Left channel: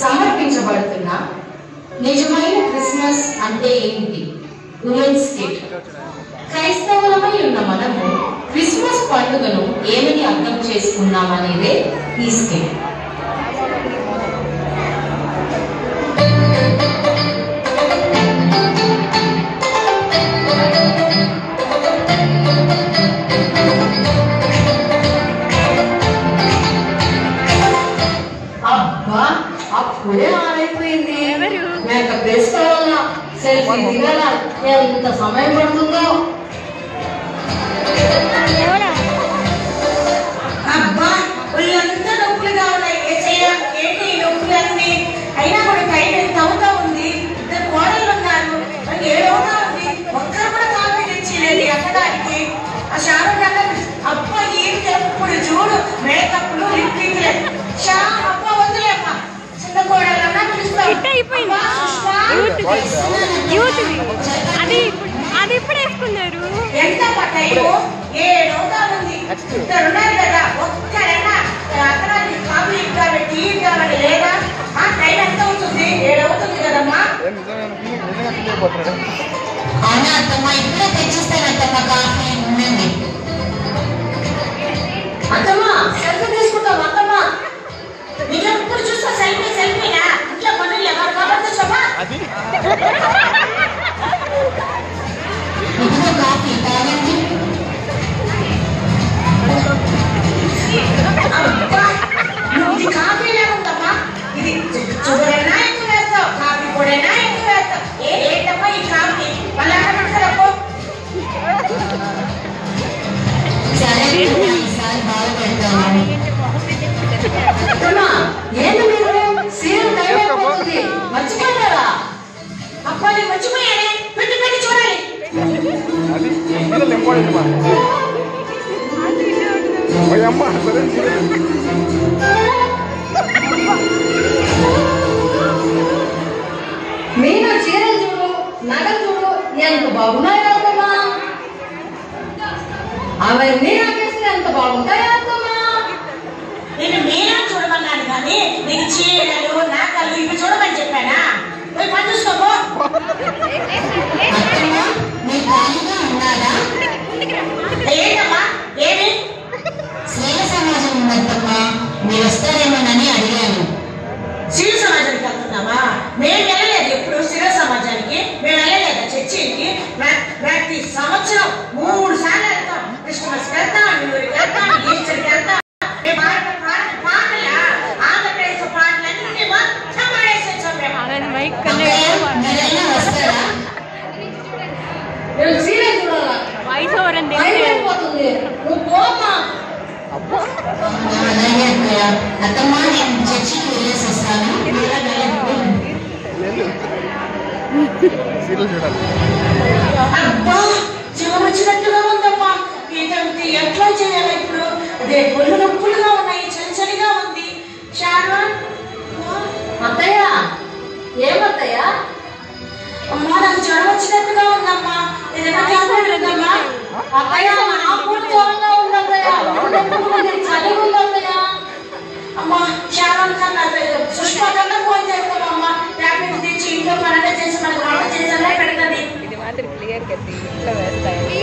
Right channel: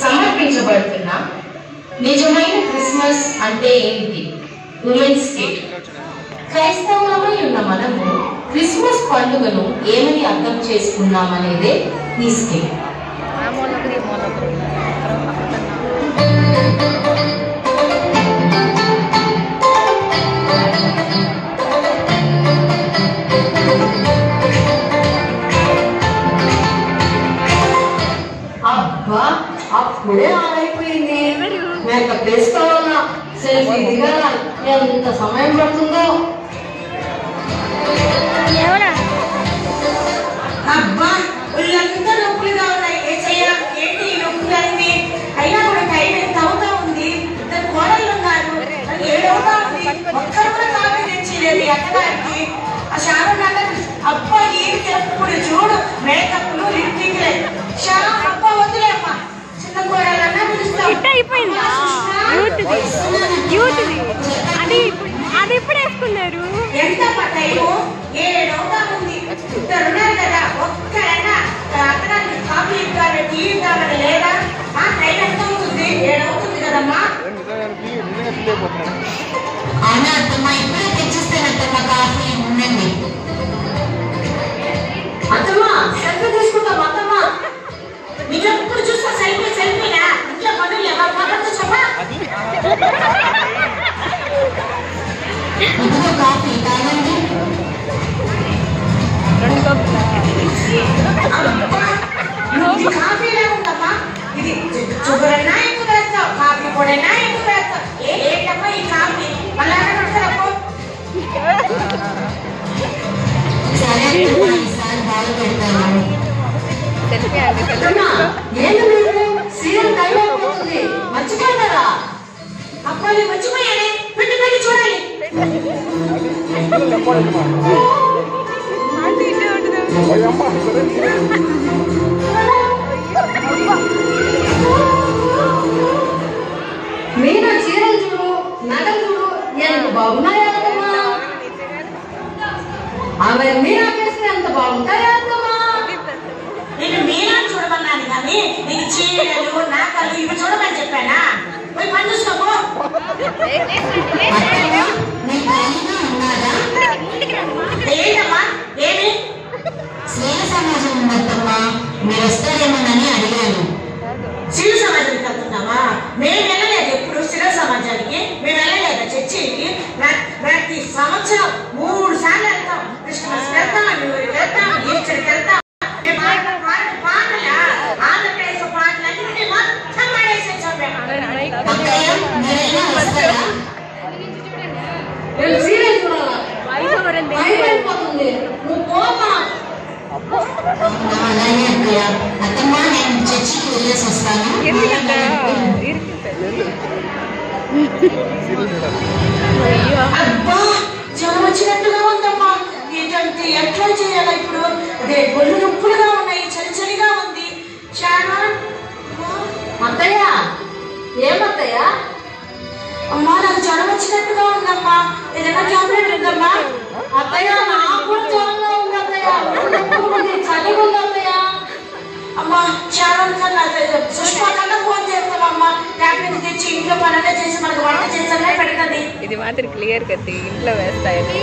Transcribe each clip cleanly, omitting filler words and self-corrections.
సమర్పించబడుతున్న నిజమైన క్రిస్మస్ అంటే ఏంటి? Women's kit. క్రైస్తవులమై ఉన్న మనము క్రిస్మస్ పండుగను ఏమని అర్థం చేసుకున్నామనేదే ఈ స్కిట్. అబ్బా, అప్పుడే ఆలైపోయింది. నేను వేసుకోవాలా, సెల్ఫీ దిగాల, ఎంత సమయం పడుతుందో. అబ్బా, ఒళ్ళంతా నొప్పులుగా ఉన్నాయి. ఏంటి ఈ నొప్పులన్నీ? అయినా కూడా టైం ఎంత అవుతా ఉంది. ఇద్దరు కోడళ్ళు ఉన్నారు, ఏడవుతా ఉంది. ఒక్కరు కూడా కాఫీ తెచ్చిలేదు ఎక్కడానికి. ఆ శారద అబ్బా ఏం చెప్పుడు చూడు, మేకప్లు లిప్టిక్ అబ్బా వదిలేమ్మా. చిన్న కోడలన్నా పిలుస్తాం. అది ఇప్పుడు వేసుకున్నారు. ఎంత టైము? 7 అవుతా ఉంది. ఇద్దరు ఉన్నారు కదా, ఒక్కరైనా అతనానికి కాఫీ ఇవ్వాలి, టీ ఇవ్వాలి లేదా? టైం ఎంత అవుతుంది? 7 అవుతుంది కదమ్మా. అవునా అత్తమ్మా, ఇప్పుడే తెచ్చిస్తానత్తమ్మా కాఫీ. ఉండండి అత్తమ్మా, సెల్ఫీ తీసుకుంటాం అత్తమ్మా. మీకు ఎప్పుడు చూస్తా సెల్ఫీనా? ఇంట్లో పనులు ఎవరు పనులు చూసమ్మా. ఇదిగో కాఫీ తాగండి. ఇది కాఫీలే ఉందమ్మా. ఇది షుగర్ అయినా ఎక్కువ వేస్తావు, కాఫీ పొడైనా ఎక్కువ వేస్తావు. ఏంటమ్మా ఈ కాఫీ? మళ్ళీ సరే ఈసారి బాగా పెడతాను. అత్తమ్మా, ఏంటి మీరు సీరియల్ టైం అయిపోతుంది, మర్చిపోయారా? అబ్బాయి మర్చిపోయానే, పెట్టి పెట్టి చూడాలి. మీరు చీరలు చూడు, నగలు చూడు, ఎంత బాగున్నాయో అత్తమ్మా. అవన్నీ ఆపేస్తే ఎంత బాగుంటాయో అత్తమ్మా. నేను మీరే చూడమన్నాను కానీ నీకు చీరలు నాకలు ఇవి చూడమని చెప్పానా? పోయి పని చూసుకోపో. మీరు ఖాళీగా ఉన్నారా? ఏంటమ్మా ఏమి? స్నేహ సమాజం ఉందత్తమ్మా, మీరు వస్తారేమోనని అడిగాను. శివ సమాజానికి వెళ్తున్నామా? మేము వెళ్ళలేదు ఎప్పుడు శివ సమాజానికి. మేము వెళ్ళలేదు చర్చికి. ప్రతి సంవత్సరం 3 సార్లు వెళ్తాం. క్రిస్మస్ వెళ్తాం, న్యూఇయర్కి వెళ్తాం, ఈస్టర్కి వెళ్తాం. ఆంధ్రప్రదేశ్ పాటలన్నీ మొత్తం వేసేసాం మేము. మీరైనా వస్తారా? నేను సీరియల్ చూడాలా? వాయిస్ ఓవర్ అని టైం అయిపోతుంది, నువ్వు పోమ్మా. అలాగే అత్తయ్య. అత్తమ్మా, నేను చర్చికి వెళ్ళేసి వస్తాను. అబ్బా, జనం వచ్చినట్టుగా ఉందమ్మా. ఇదంతా ఎట్లా చేయాలి ఇప్పుడు? ఒళ్ళు నొప్పులుగా ఉన్నాయి, చలిచలిగా ఉంది. చాలా అత్తయ్య, ఏమత్తయ్య? అమ్మా, నాకు జ్వరం వచ్చినట్టుగా ఉందమ్మా. ఏదైనా టాబ్లెట్ ఉందమ్మా? అత్తయ్య, నాకు జ్వరంగా ఉంది అత్తయ్య. ఒళ్ళు నొప్పులు ఉంది, చలిగా ఉంది అత్తయ్య. అమ్మా, చాలా సుష్మతంగా ఫోన్ చేస్తామమ్మా. టాబ్లెట్ తెచ్చి ఇంట్లో పనులు చేసి మనకు వంట చేసేలా పెడుతుంది. ఇది మాత్రం క్లియర్ కదా, ఇంట్లో వేస్తాయి.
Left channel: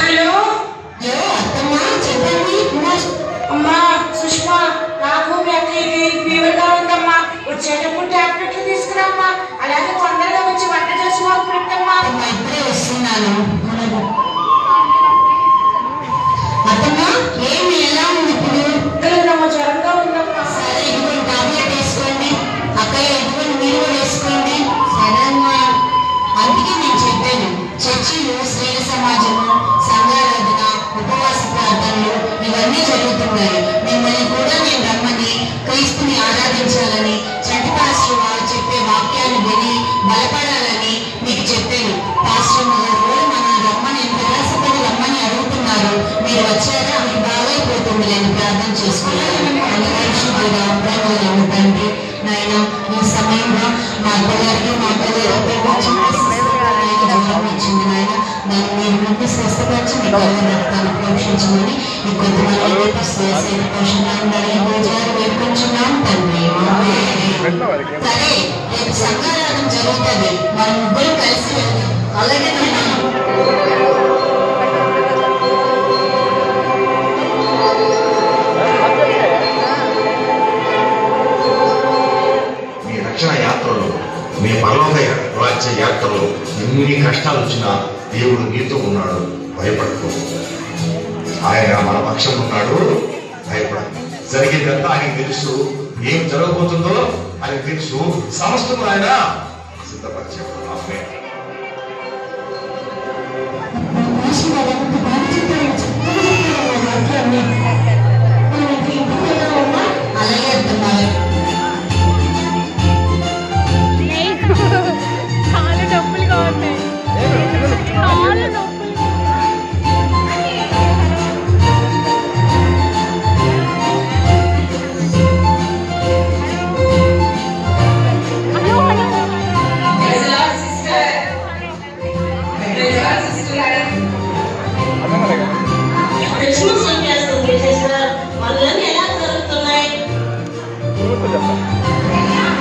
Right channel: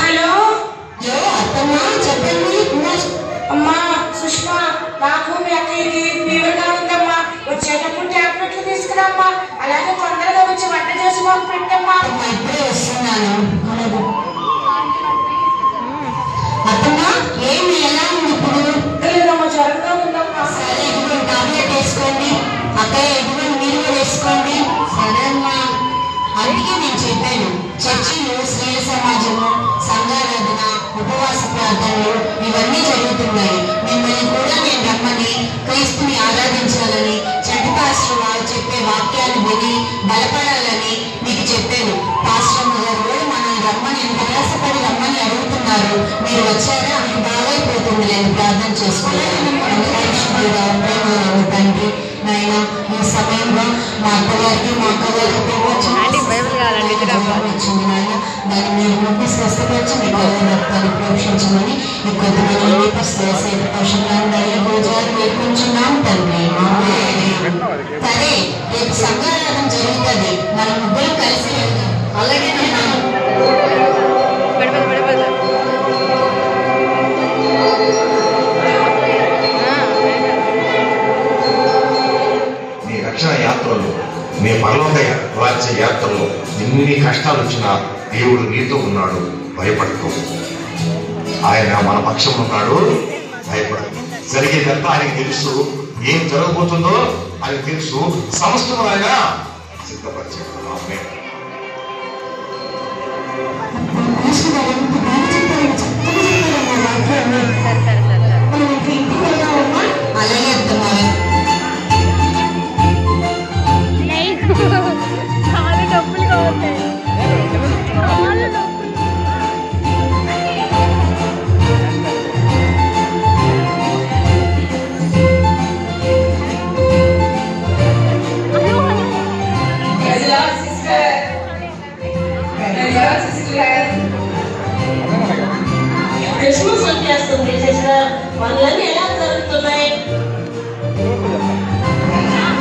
హలో అత్తమ్మా, చెప్పండి. అమ్మా, సుష్మా, నాకు మీ అక్కయ్యకి ఫీవర్గా ఉందమ్మా. వచ్చేటప్పుడు టాబ్లెట్లు తీసుకురామ్మా. అలాగే తొందరగా వచ్చి వంట చేసి మాకు పెట్టమ్మా. అప్పుడే వస్తున్నాను. అత్తమ్మా, ఏమి ఎలా ఉంది ఇప్పుడు? లేదమ్మా, జ్వరంగా ఉందమ్మా. సరే, ఇప్పుడు టాబ్లెట్ వేసుకోండి. అత్తయ్య, ఇప్పుడు మీరు వేసుకోండి. సరే అమ్మా. అందుకే నేను చెప్పాను, చర్చిలు, స్త్రీల సమాజము, సంఘారాధన, ఉపవాస ప్రార్థనలు ఇవన్నీ జరుగుతున్నాయి. మిమ్మల్ని కూడా నేను రమ్మని, క్రీస్తుని ఆరాధించాలని, చంటి పాస్టర్ వారు చెప్పే వాక్యాలు విని బలపడాలని మీకు చెప్పాను. పాస్టర్ గారు మనం రమ్మని ప్రయాసపడి రమ్మని అడుగుతున్నారు. మీరు వచ్చారా? ఆమెకు బాగైపోతుంది, నేను ప్రార్థన చేసుకున్నాను. తండ్రి నాయన, ఈ సమయంలో మా అత్తగారికి మా అత్తగారికి వచ్చింది నాయన, దాన్ని మీరు స్వస్థపరిచి మీ గౌరవ రక్తాన్ని ప్రోక్షించమని మీ కొద్దిమంది పౌషణాన్ని భోజనాలు వేర్పించున్నాం తండ్రి. సరే, రేపు సంఘారాధన జరుగుతుంది, మన ముగ్గురు కలిసి వెళ్దాం. అలాగే మీ రక్షణ యాత్రలు, మీ పరలోక రాజ్య యాత్రలు ఎన్ని కష్టాలు వచ్చినా దేవుడు నీతో ఉన్నాడు, భయపడకు. ఆయన మన పక్షం ఉన్నాడు, భయపడకు. జరిగేదంతా ఆయనకు తెలుసు, ఏం జరగబోతుందో ఆయనకు తెలుసు, సమస్తం ఆయన సిద్ధపరిచాడు. చాలా డబ్బులుగా ఉంటాయి, చాలా డబ్బులు. క్రిస్మస్ వచ్చేస్తుంది సిస్టర్, వాళ్ళని ఎలా జరుగుతున్నాయి?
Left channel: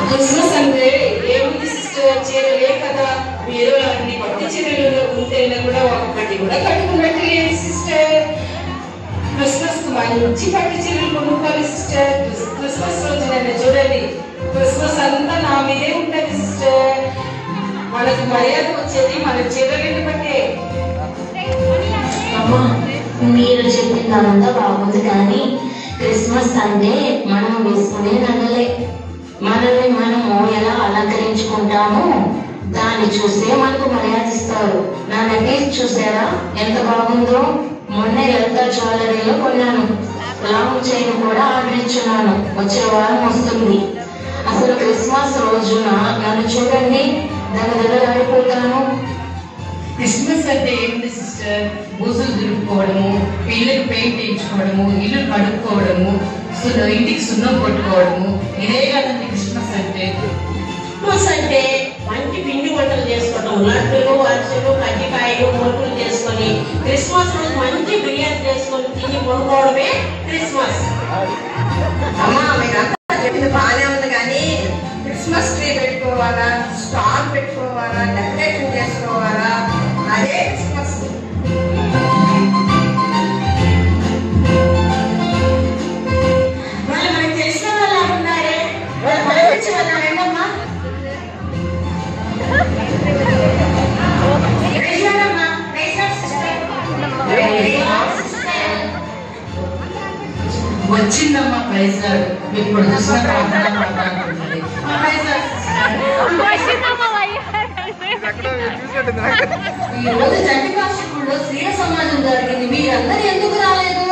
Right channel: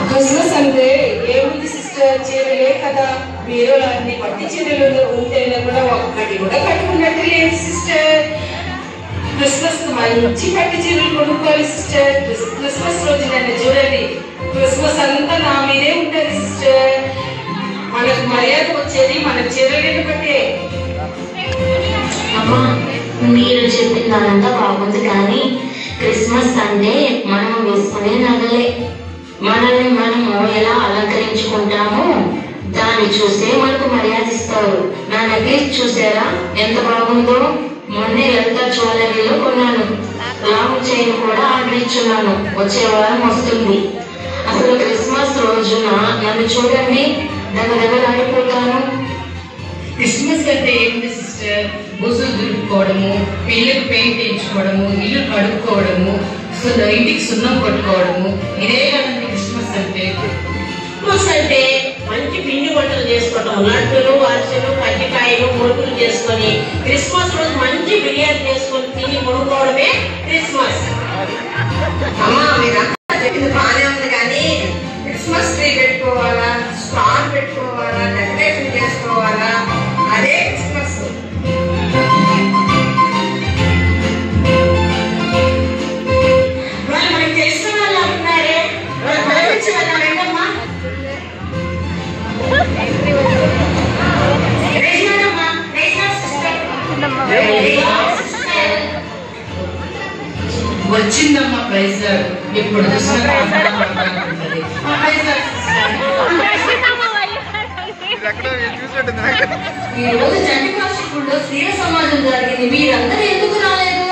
క్రిస్మస్ అంటే ఏముంది సిస్టర్, చీరలే కదా. మీరు అన్ని పట్టు చీరలు ఉంటే కూడా ఒక్కటి కూడా కట్టుకున్నట్టు లేదు సిస్టర్. క్రిస్మస్ మంచి పట్టు చీరలు కొనుక్కోవాలి సిస్టర్. క్రిస్మస్ రోజు నన్ను చూడండి, క్రిస్మస్ అంతా నా మీదే ఉంటుంది సిస్టర్. మనకు మర్యాద వచ్చేది మన చీరలు బట్టే. అమ్మా, మీరు చెప్పిందంతా బాగుంది, కానీ క్రిస్మస్ అంటే మనం వేసుకునే నగలే. మనల్ని మనము ఎలా అలంకరించుకుంటామో దాన్ని చూస్తే మనకు మర్యాద ఇస్తారు. నా నెక్లెస్ చూసారా ఎంత బాగుందో? మొన్నే లలిత జ్యువెలరీలో కొన్నాను. లాంగ్ చైన్ కూడా ఆర్డర్ ఇచ్చున్నాను, వచ్చే వారం వస్తుంది. అసలు క్రిస్మస్ రోజున నన్ను చూడండి, దగ్గరగాడిపోతాను. క్రిస్మస్ అంటే ఏంటి సిస్టర్? బుజులు దులుపుకోవడము, పిల్లలకు పెయింట్ వేయించుకోవడము, ఇల్లు కడుక్కోవడము, ఇంటికి సున్నం కొట్టుకోవడము, ఇదే కదండి క్రిస్మస్ అంటే. క్రిస్మస్ అంటే మంచి పిండి వంటలు చేసుకోవడం, లడ్డులు, అరిసెలు, కజ్జికాయలు, మురుకులు చేసుకొని క్రిస్మస్ రోజు మంచి బిర్యానీ చేసుకొని తిని ముడుకోవడమే క్రిస్మస్. అమ్మా, మీకు అంతా చెప్పింది బాగానే ఉంది, కానీ క్రిస్మస్ ట్రీ పెట్టుకోవాలా, స్టార్ పెట్టుకోవాలా, డెకరేషన్ చేసుకోవాలా, అదే క్రిస్మస్. వాళ్ళు మనకి తెలిసిన వాళ్ళు ఉన్నారే, వాళ్ళు పలకరించి వాళ్ళ రండమ్మా. రేషనమ్మా, రేషన్ సిస్టర్. వచ్చిందమ్మా ప్రైజ్ గారు, ఇప్పుడు చూసిన ఉంటుంది. ఈ రోజు జంటి కాశీపూర్లో స్త్రీల సమాజం జరిగింది, మీరందరూ ఎందుకు రాలేదు?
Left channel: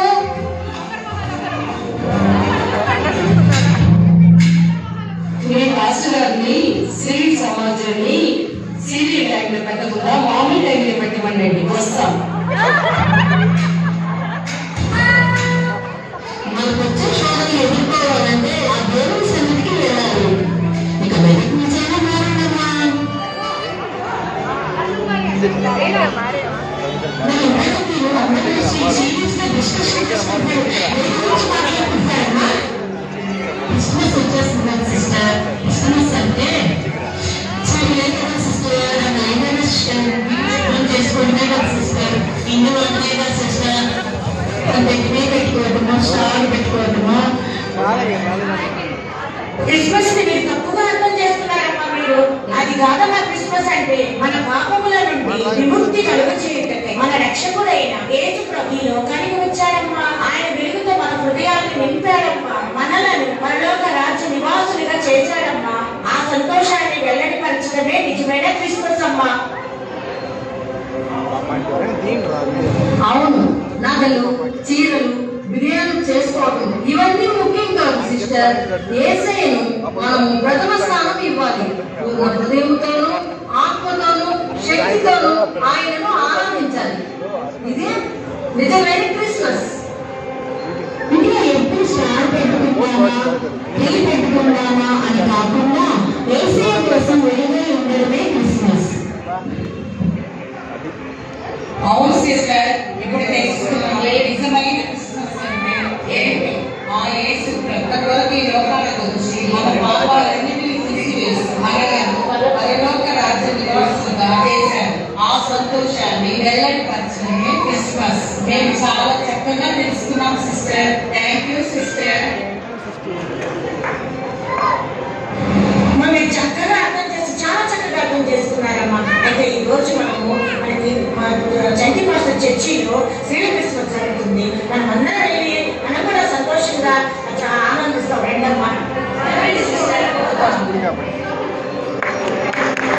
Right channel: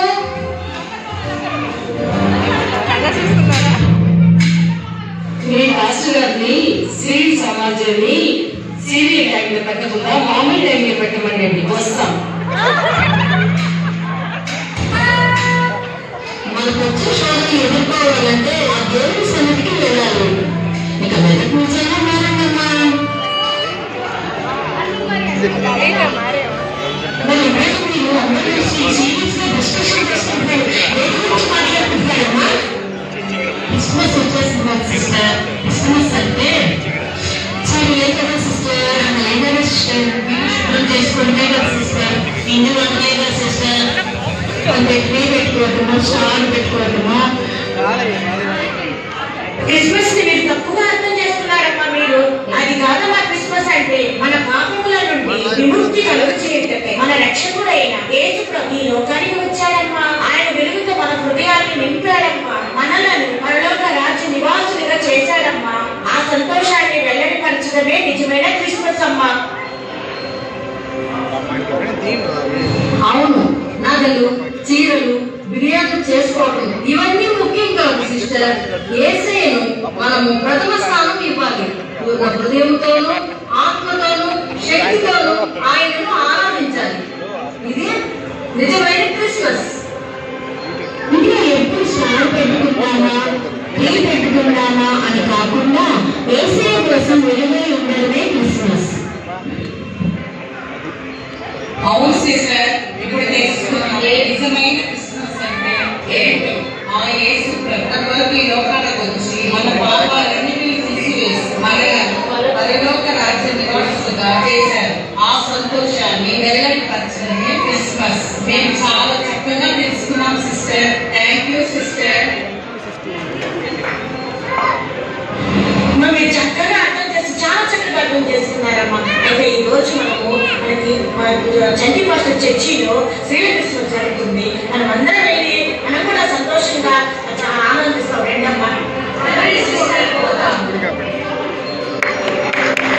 మీ మాస్టర్ గారిని స్త్రీ సమాజాన్ని సీరియల్ టైంలో పెట్టకుండా మామూలు టైంలో పెట్టమనండి, వస్తాం. మనకు వచ్చే శోధనలు ఎదుర్కోవాలంటే ఆ దేవుడి సన్నిధికి వెళ్ళాలి. ఇక వెనక నుంచైనా మారండమ్మా. మరి ఇవాళ మీరు అందరూ సీరియస్ గా డిస్కషన్ చేసుకుంటూ దేని గురించి మాట్లాడుకుంటున్నారమ్మా? క్రిస్మస్ వచ్చేస్తుంది కదా సిస్టర్. క్రిస్మస్ అంటే చాలా ఏ కదా సిస్టర్, ఏదైనా సిస్టర్ మనం చేసుకుంటే కదా సిస్టర్, ఇన్ని వంటే కదా సిస్టర్. కొంత ట్రీ పెట్టుకోవటమో, స్టార్ పెట్టుకోవటమో. క్రిస్మస్ ని మీరు తప్పుగా అర్థం చేస్తున్నారమ్మా. మీరు అది కాదమ్మా. క్రిస్మస్ అంటే మన పాపముల నుండి విముక్తి కలుగు చేయటమే. మన రక్షకుడైన యేసు ప్రభు ఈ లోకానికి వచ్చాడమ్మా. ఆయన వెలుగుతో మన హృదయాన్ని నింపాడమ్మా. మనలను పరలోక రాజ్య నివాసులుగా చేశాడమ్మా. ఆ సంతోషాన్ని వెల్లడిపరచడమే నిజమైన క్రిస్మస్ అమ్మా. అవును, నగలు, చీరలు, బిర్యానీ చేసుకోవడం ఇవన్నీ ముఖ్యం కాదు సిస్టర్. యేసయ్యను మనము ప్రథమ స్థానం ఇవ్వాలి. పూర్ణ హృదయంతోనూ, ఆత్మతోనూ, శక్తితోనూ ఆయనను ఆరాధించాలి. ఇదే నిజమైన క్రిస్మస్. ఇంకా ఎప్పుడు స్టార్ పెట్టుకుంటామా, ట్రీ పెట్టుకుంటామా అని కాకుండా యేసయ్య కోసం వెలుగై ఉండడమే క్రిస్మస్. అవును సిస్టర్, మేము చాలా చక్కగా తెలుసుకున్నాం సిస్టర్. Thank you sister. మీరు చక్కగా చాలా చక్కగా అర్థం చేసుకున్నారమ్మా. అయితే ఈ రోజు మనకి చంటి మాస్టర్ చర్చిలో శ్రీలంక